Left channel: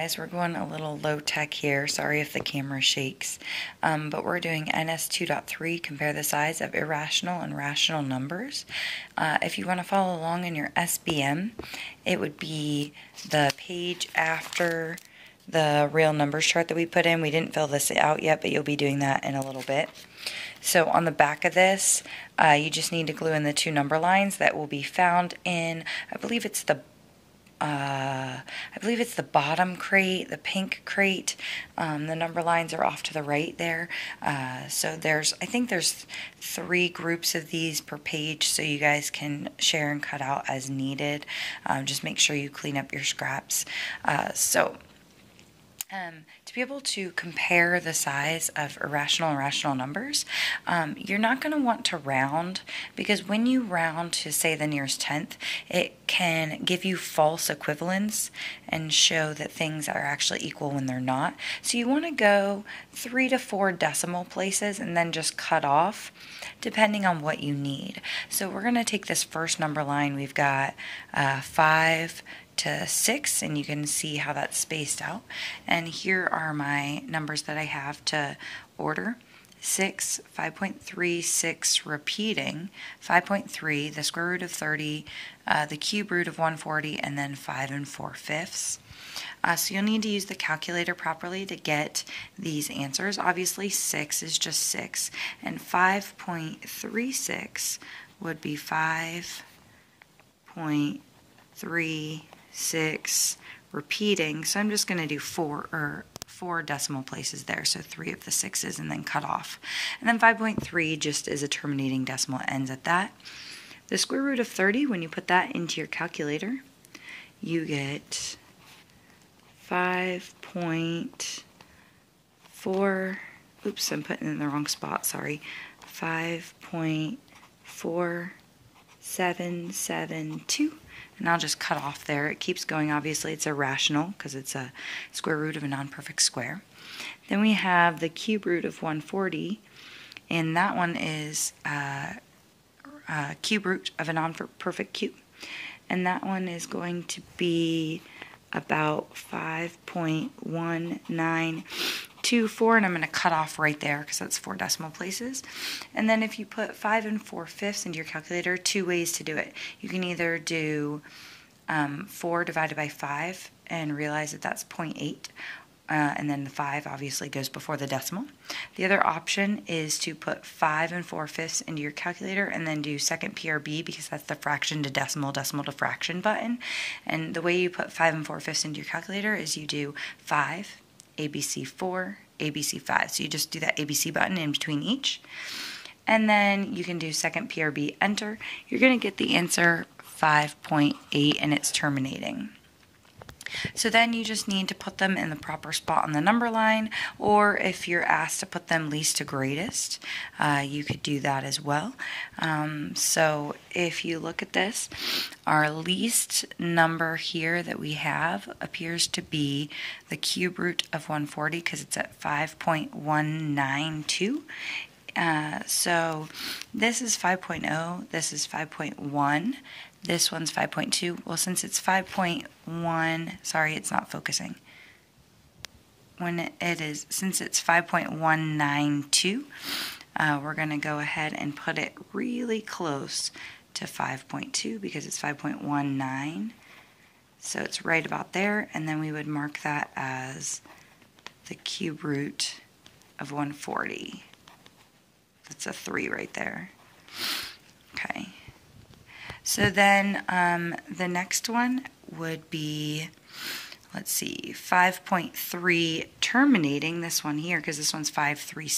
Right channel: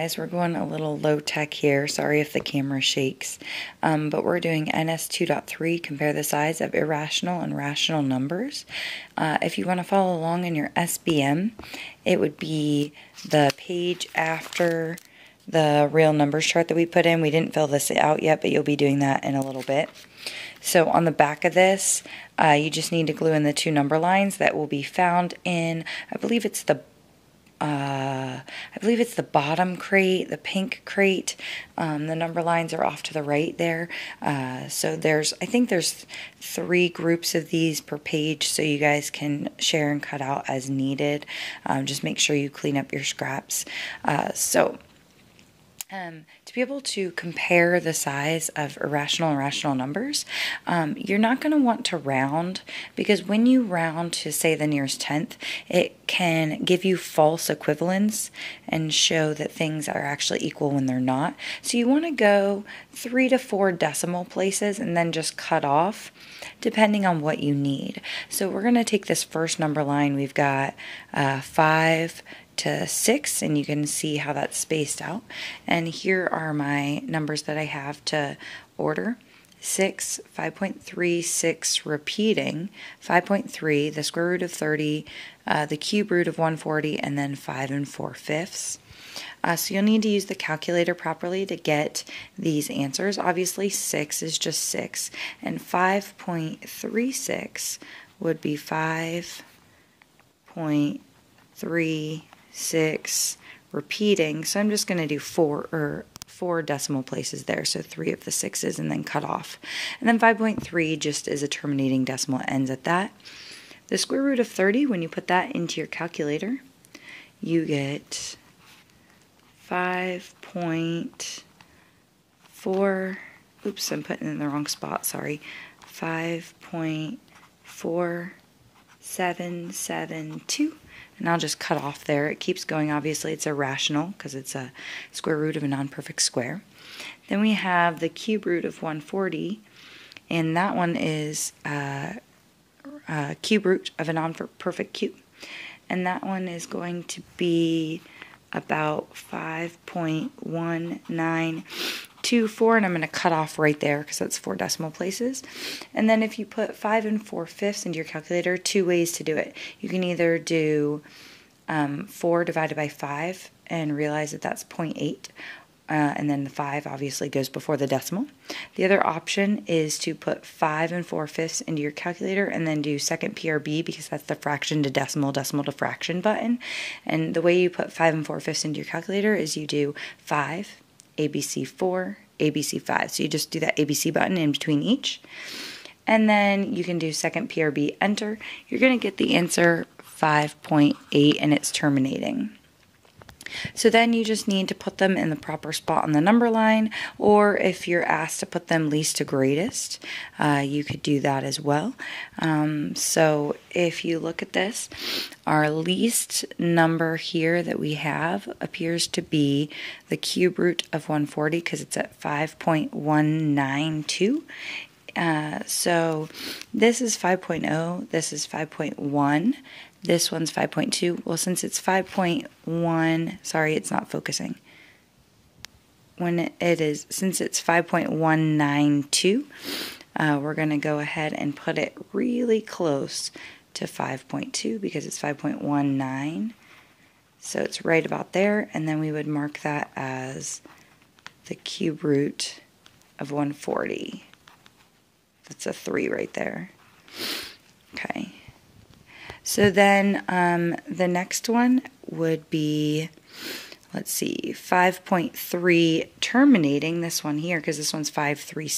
guys, we're going a little low tech here. Sorry if the camera shakes. But we're doing NS 2.3, compare the size of irrational and rational numbers. If you want to follow along in your SBM, it would be the page after the real numbers chart that we put in. We didn't fill this out yet, but you'll be doing that in a little bit. So on the back of this, you just need to glue in the two number lines that will be found in, I believe it's the bottom crate, the pink crate. The number lines are off to the right there. So I think there's 3 groups of these per page, so you guys can share and cut out as needed. Just make sure you clean up your scraps. To be able to compare the size of irrational and rational numbers, you're not going to want to round, because when you round to, say, the nearest tenth, it can give you false equivalence and show that things are actually equal when they're not. So you want to go 3 to 4 decimal places and then just cut off, depending on what you need. So we're going to take this first number line. We've got 5 to 6, and you can see how that's spaced out. And here are my numbers that I have to order. 6, 5.3, 6 repeating, 5.3, the square root of 30, the cube root of 140, and then 5 4/5. So you'll need to use the calculator properly to get these answers. Obviously 6 is just 6, and 5.36 would be 5.36 repeating, so I'm just going to do 4 decimal places there, so 3 of the 6's, and then cut off. And then 5.3 just is a terminating decimal, it ends at that. The square root of 30, when you put that into your calculator, you get 5.4, oops, I'm putting it in the wrong spot, sorry, 5.4772. And I'll just cut off there. It keeps going. Obviously, it's irrational because it's a square root of a non-perfect square. Then we have the cube root of 140, and that one is cube root of a non-perfect cube. And that one is going to be about 5.1924, and I'm going to cut off right there because that's 4 decimal places. And then if you put 5 4/5 into your calculator, 2 ways to do it. You can either do 4 divided by 5 and realize that that's 0.8, and then the 5 obviously goes before the decimal. The other option is to put 5 4/5 into your calculator and then do second PRB, because that's the fraction to decimal, decimal to fraction button. And the way you put 5 4/5 into your calculator is you do 5, ABC 4, ABC 5. So you just do that ABC button in between each. And then you can do second PRB, enter. You're going to get the answer 5.8, and it's terminating. So then you just need to put them in the proper spot on the number line, or if you're asked to put them least to greatest, you could do that as well. So if you look at this, our least number here that we have appears to be the cube root of 140, because it's at 5.192. So this is 5.0, this is 5.1. This one's 5.2. Well, since it's 5.1, sorry, it's not focusing. Since it's 5.192, we're going to go ahead and put it really close to 5.2 because it's 5.19. So it's right about there, and then we would mark that as the cube root of 140. That's a 3 right there. Okay. So then the next one would be, let's see, 5.3 terminating, this one here, because this one's 5.36.